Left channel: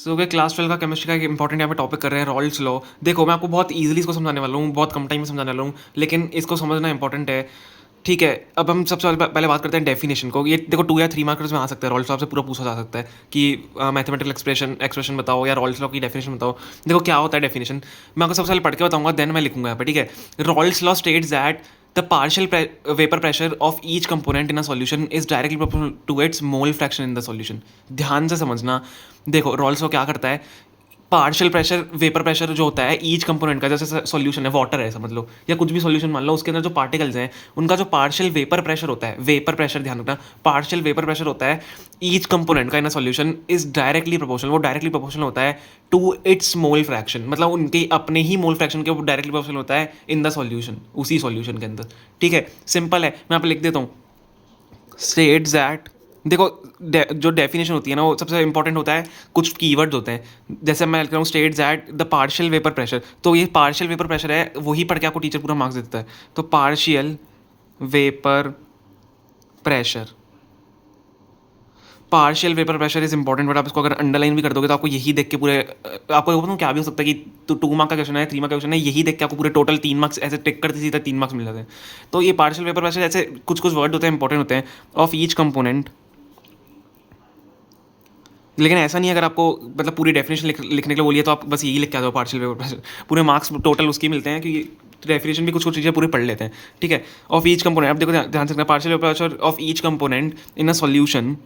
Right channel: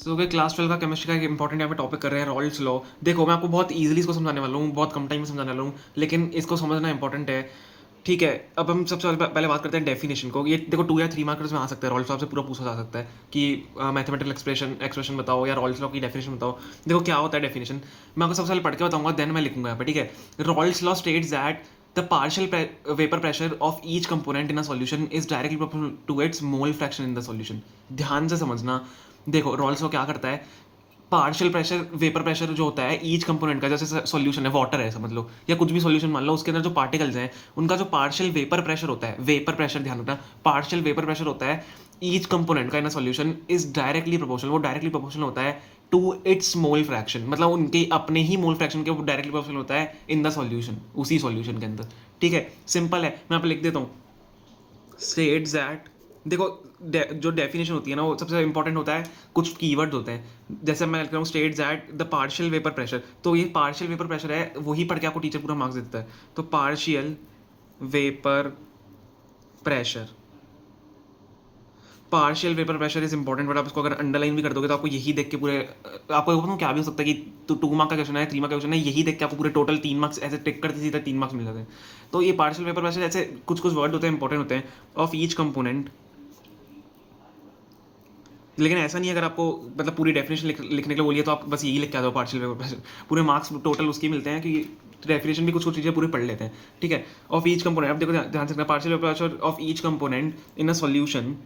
सो अगर क्लास 12 का केमिस्ट्री का एक इंपॉर्टेंट यहाँ पे टॉपिक कर रहे हैं रॉल्स लॉ। देखो मैं आपको बहुत ईजिली इसको समझाने वाला हूँ, बहुत कम टाइम में समझाने वाला हूँ, लेकिन इसको समझना इंपॉर्टेंट है। ठीक है, अब हम सबसे पहले बात करते हैं डेफिनेशन को। ये देखो 2 या 3 मार्कर्स में आ सकता है, रॉल्स लॉ से पूरा पूछा जा सकता है कि मैथमेटिकल एक्सप्रेशन बताओ या रॉल्स लॉ की डेफिनेशन बताओ। देखो क्या होता है डेफिनेशन, मैं आपको सबसे पहले पढ़ के बताऊंगा, देन मैं लिखूंगा यहाँ पे। ठीक है, Raoult's law states that the partial vapour pressure of each component in a solution is directly proportional to its mole fraction in the solution. ध्यान से समझना। देखो रॉल्स लॉ क्या करता है, पार्शियल प्रेशर वेपर प्रेशर जो होता है ईच कंपोनेंट का, जैसे सॉल्यूशन है, वाटर है समझ लो, या कुछ भी सॉल्यूशन मान लो, उसके अंदर जो पार्टिकल्स हैं उनका जो पार्शियल वेपर प्रेशर होता है, वेपर प्रेशर ध्यान रखना, पार्शियल वेपर प्रेशर होता है ईच कंपोनेंट का in a solution is directly proportional. वो डायरेक्टली प्रोपोर्शनल होता है टू इट्स मोल फ्रैक्शन, मतलब उनके अपने ही मोल फ्रैक्शन के वो डायरेक्टली प्रोपोर्शनल होता है इन द सॉल्यूशन, उसी सॉल्यूशन के अंदर। ठीक है, सिंपल है, मैं आप लिख देता हूँ। स्टेट्स दैट, देखो जो डेफिनेशन होती है ना वो सबसे इंपॉर्टेंट होता है, कुछ कीवर्ड्स होते हैं। जैसे मैं लिख रहा हूँ states that the partial vapour pressure, तो ये पार्शियल वेपर प्रेशर है, वही पढ़ के आपको टीचर पूरा मार्क्स देता है। तो partial vapour pressure, partial vapour pressure is important, but आप इसको अगर अंडरलाइन भी कर दोगे तो आपको यही देख के पूरे, आपको बताऊँ क्या भी हो सकता है कि तो 2 मार्क का क्वेश्चन है, 3 मार्क का क्वेश्चन है, यही देख के आपको पूरे टोटल 3 मार्क्स ऐसे टिक करते सीधे 3 मार्क्स मिल जाते हैं। तो ये पार्शियल वेपर प्रेशर ऐसे कुछ कुछ वर्ड होते हैं इंपॉर्टेंट होते हैं ऑफ ईच कंपोनेंट। लेकिन ऐसा नहीं है, अगर आपको मतलब पूरी डेफिनेशन लिखने के लिए बोलिए तो आप बस यही लिख के आ जाओ पार्शियल वेपर प्रेशर, पूरे मार्क्स टोटल उसके मिलते हैं, क्योंकि डेफिनेशन भी कुछ कुछ चीज़ें पूरे पढ़ लेते हैं। ठीक है, ऑफ ईच कंपोनेंट, अब देखो ध्यान से, partial vapour pressure of each component in a solution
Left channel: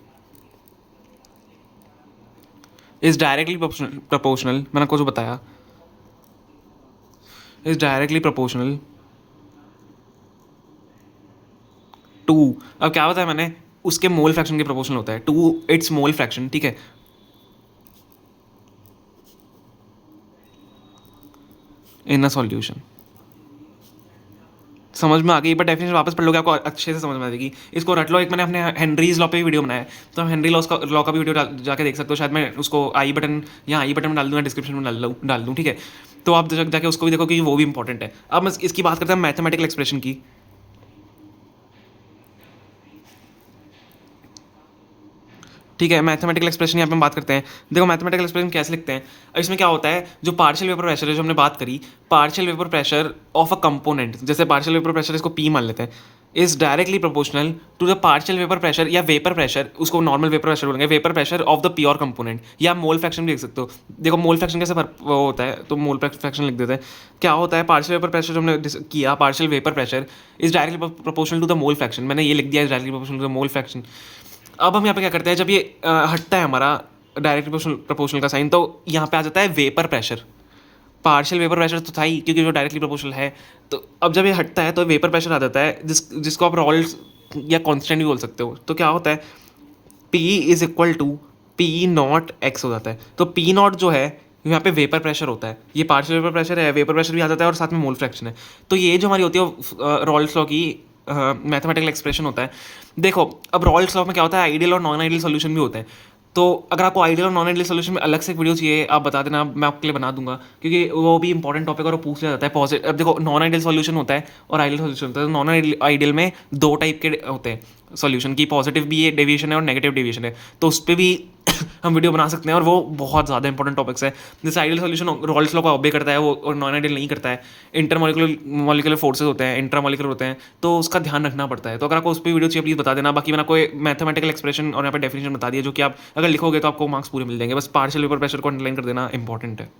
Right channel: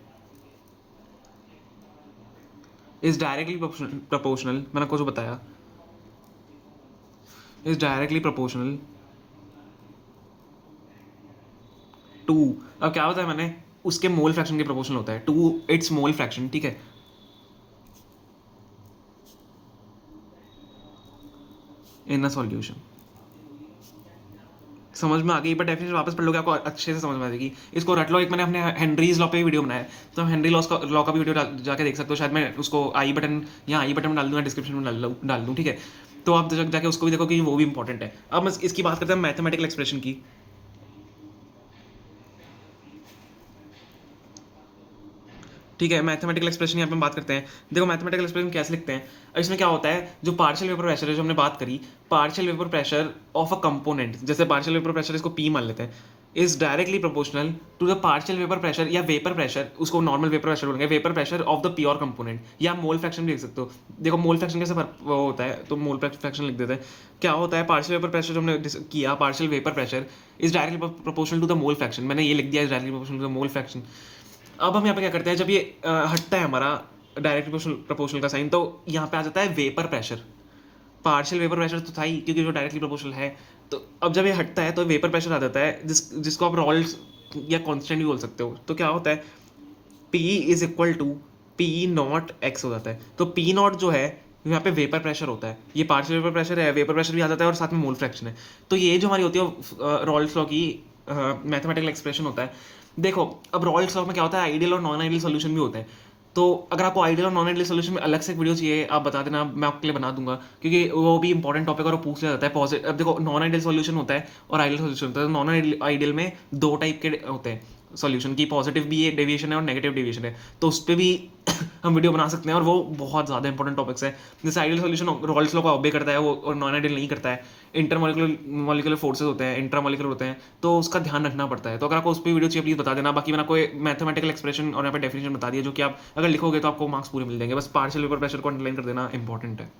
is directly proportional, मैंने आपको जो बताया, इज डायरेक्टली प्रोपोर्शनल टू, अब क्या बताया मैंने, उसके मोल फ्रैक्शन के प्रोपोर्शनल होता है टू इट्स मोल फ्रैक्शन। ठीक है, इन अ सॉल्यूशन। समझ में आ गई, बट डेफिनेशन वापस पढ़ लोगे आपको अच्छे से समझ में आ जाएगी। इसको रट लो, एक मैंने अपने हेनरीज लॉ पे भी वीडियो बनाया है, तो हम हेनरी लॉ का भी वीडियो जाके देख सकते हो, शायद मैं उसको आई बटन, यहाँ आई बटन में डाल दूँ या डिस्क्रिप्शन में डाल दूँ। ठीक है, तो आप जाके उसको भी देखो कि वो भी इंपॉर्टेंट है। अब मैं इसकी बात करते हैं मैथमेटिकल एक्सप्रेशन की। ठीक है, मैथमेटिकल एक्सप्रेशन यहाँ पे हम बात करते हैं। देखो मैथमेटिकल एक्सप्रेशन कैसे लिखते हैं, इसमें क्या होता है, जो पार्शियल वेपर प्रेशर है जो हमने बात करी, partial vapour pressure of a component, जैसे पार्शियल वेपर प्रेशर इसको पी मान लेते हैं, is directly proportional to the partial vapour pressure या वेपर प्रेशर, उसको नॉर्मल वेपर प्रेशर बोलेंगे, vapour pressure of the pure component, या मोल फ्रैक्शन भी लिख सकते हो। देखो मोल फ्रैक्शन कैसे वो होता है, तो मोल फ्रैक्शन लिख देते हैं। क्या होता है, पार्शियल वेपर प्रेशर जो हमने किया, partial vapour pressure is directly proportional to the mole fraction, मैंने ये लिख दिया है directly proportional to the mole fraction. अब हम यहाँ पे क्या करते हैं, जब ये हटता है हमारा डायरेक्ट प्रोपोर्शनल का साइन, तो यहाँ पे आ जाता है vapour pressure. Partial vapour pressure तो था ही, क्योंकि वो डायरेक्टली प्रोपोर्शनल है। तो अब जब ये हटता है तो वेपर प्रेशर आ जाता है, जिसको आप रॉल्स या कांस्टेंट भी बोल सकते हो। तो क्या होता है, P is equal to P naught X हो जाता है। तो पी नॉट जो है यहाँ पे वेपर प्रेशर होता है, ये पार्शियल वेपर प्रेशर है, वेपर प्रेशर भी आ जाता है और साथ में मोल फ्रैक्शन है। तो ये जो हमारी होती है रॉल्स लॉ की मैथमेटिकल एक्सप्रेशन होता है। देखो अब रॉल्स लॉ में क्या होता है, आइडियल और नॉन आइडियल सोल्यूशन भी होते हैं। तो अगर आपको आइडियल और नॉन आइडियल सोल्यूशन में अलग से एक वीडियो चाहिए, आप बता देना, मैं आपके लिए बना दूंगा, क्योंकि वो भी इंपॉर्टेंट टॉपिक और वो पूछ लिया जाता है। पॉजिटिव, अब देखो नॉन आइडियल सोल्यूशन होता है और आइडियल सोल्यूशन होता है। नॉन आइडियल में 2 टाइप के होते हैं सोल्यूशन की, पॉजिटिव भी डेविएशन है और नेगेटिव डेविएशन है, तो उस पर भी हम वीडियो बना सकते हैं, और वो बहुत ज़्यादा इंपॉर्टेंट टॉपिक्स है। जैसे आइडियल सोल्यूशन रॉल्स लॉ को ऑब्जे करता है वो, और नॉन आइडियल नहीं करता है। इंटरमोलिकुलर फोर्सेज होते हैं, इंट्रामोलिकुलर होते हैं, तो उसका ध्यान रखना पड़ता है। तो अगर आपको उस पर वीडियो चाहिए प्लीज़ बता देना। बाकी मैंने आपको मैथमेटिकल एक्सप्रेशन और यहाँ पे डेफिनेशन बता दिया, जो कि आप अगर लिखोगे तो आपको मार्क्स पूरे मिल जाएंगे। बस पार्शियल वेपर प्रेशर को अंडरलाइन कर देना इंपॉर्टेंट है।